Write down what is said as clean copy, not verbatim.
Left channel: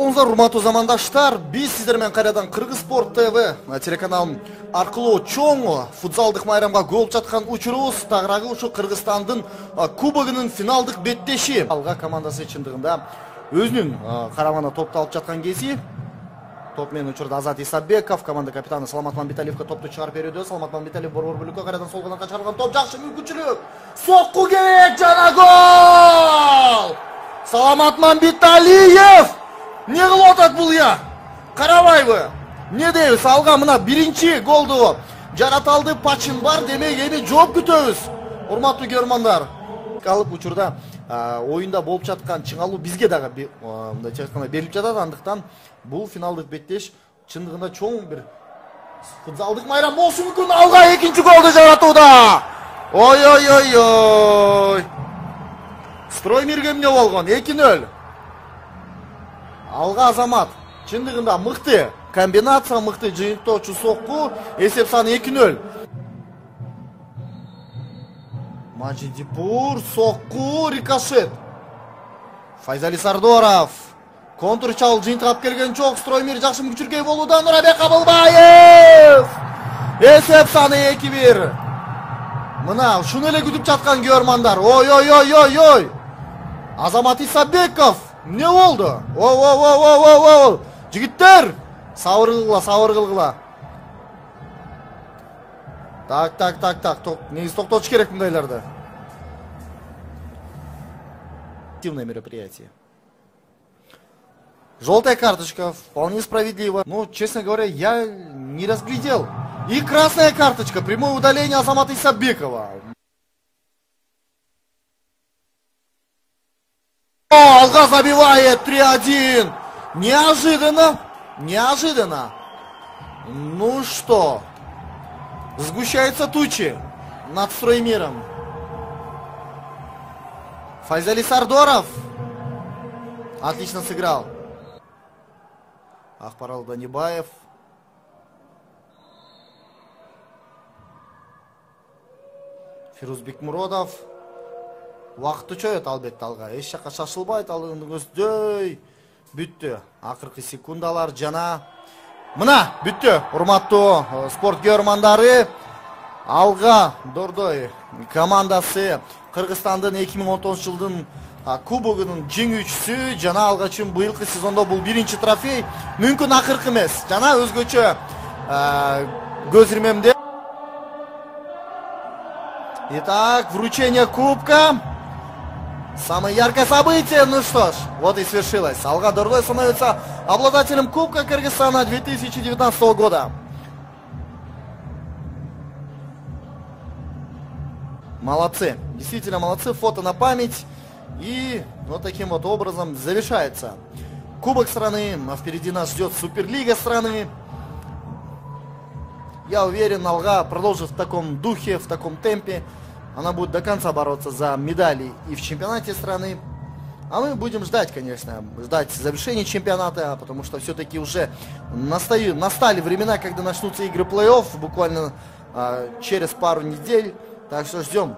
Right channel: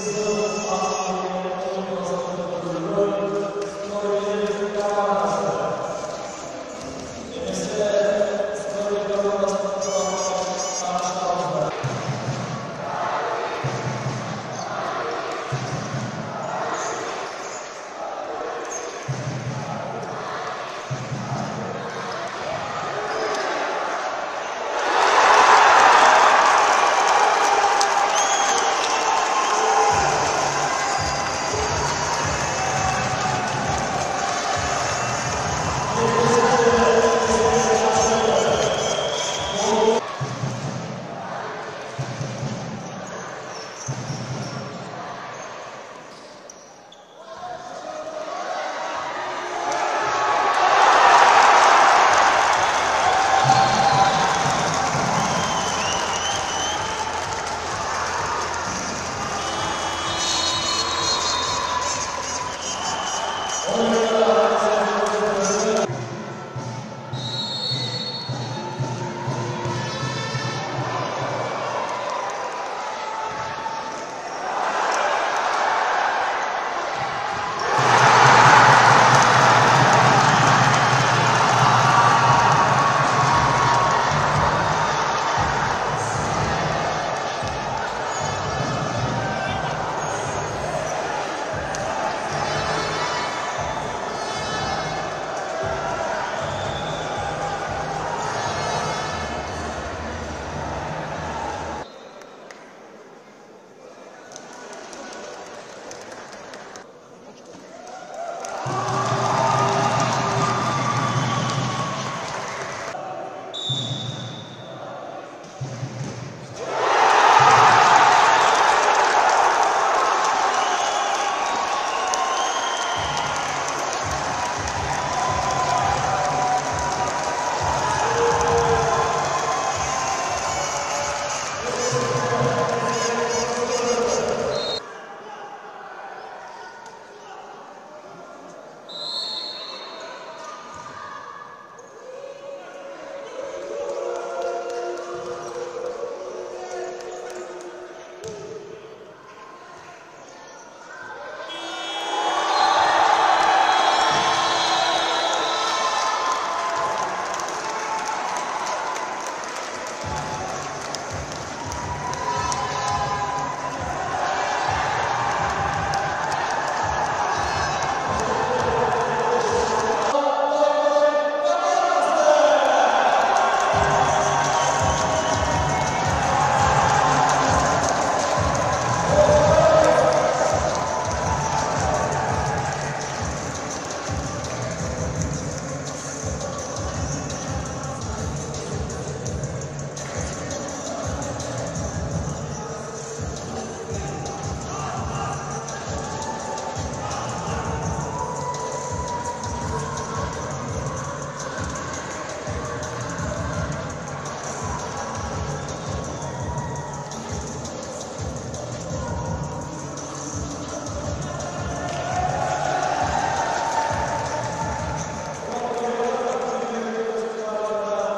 Урматтуу замандаштар, биз сиздер менен кайрадан Кыргыз Спорт ТВ телеканалын аркылуу чоң футзалдык майрамга гол жаткан учурубуз. Тагыраагы ушу Кыргызстандын кубогунун финалдык беттеши. Алга командасы чындыгында өзүнүн карамана топто алып жаткан кези. Топ менен учурда Азат Исабеков, команда капитаны Саламат Мамбеталиевге топту чыгарып берүүдө. Саламат Мамбеталиев борбордукта кайрадан сол тарапка карман топ жакшы мүмкүнчүлүк. Сокку керек жана гол! Саламат Мамбеталиев! Не кылып атат бул я? Карабайбы? Не дейбиз? Алга мына биринчи голду жарата алды, пачин бар, демек эми жооп күтөбүз. Урматтуу көрөрмандар, калып учурда оюнда болуп жаткан чыгалуу бизге дагы берилип жатат. Андыктан бул финалдык беттеш чындыгында чоң бир футзалдык майрам болушу мүмкүн. Алга экинчи голду жаратууда. Ой. Строймирге эмне болгон? 2-0. Алга Азамат. Чындыгында мыкты комбинация, мыкты жыйынтоочу сокку. Эсеп саны 2-0. Мачидипур сокку, рикошет. Файзали Сардоров. Контр чалып жыйынтыгап келген жок. Строймир жакшы мүмкүнчүлүккө болууда. Нурабек Кабылбаев. Эсеп саны 2-1. Мына ушуну эле күтүп жаткан көрөрмандар. Ой. Азамат Исабеков. Не болду? О. Жигиттер, сабыр кылгыла. Так. Негиз токтотуш керек мындайларды. Активное мероприятие. Желтая карточка, вполне справедливо. Ну, честно говоря, я не разглядел. И красная карточка, прямое удаление Азамата Исабекова. Алга забивает 3-1. Неожиданно. Ну что, сгущаются тучи над Строймиром. Файзали Сардоров отлично сыграл. Акбарал Ганибаев. Фирузбек Муродов. Вакыты чөйөт албетте алга. Эч жакка шашылбайт, ал өздөй бүттү. Акыркы секундалар жана мына бүттү. Урматтуу спорт көрөрмандары, алга Дордой командасы Кыргызстандын 2019 жылдын кубогунун жеңүүчүсү. Жана алга үчүн быйылкы сезондо бул биринчи трофей. Мүмкүн акыркы эмес. Жана өзгөчө көз ирмемде. Итак, вручение кубка. Самое яркое событие, ну что ж, вот и свершилось. Алга Дордой становится обладателем Кубка Кыргызстана 2019 года. Молодцы, действительно молодцы, фото на память. И вот таким вот образом завершается Кубок страны. Впереди нас ждет Суперлига страны. Я уверен, Алга продолжит в таком духе, в таком темпе. Она будет до конца бороться за медали и в чемпионате страны. А мы будем ждать, конечно, завершения чемпионата, потому что все-таки уже настали времена, когда начнутся игры плей-офф, буквально через пару недель. Так что ждем.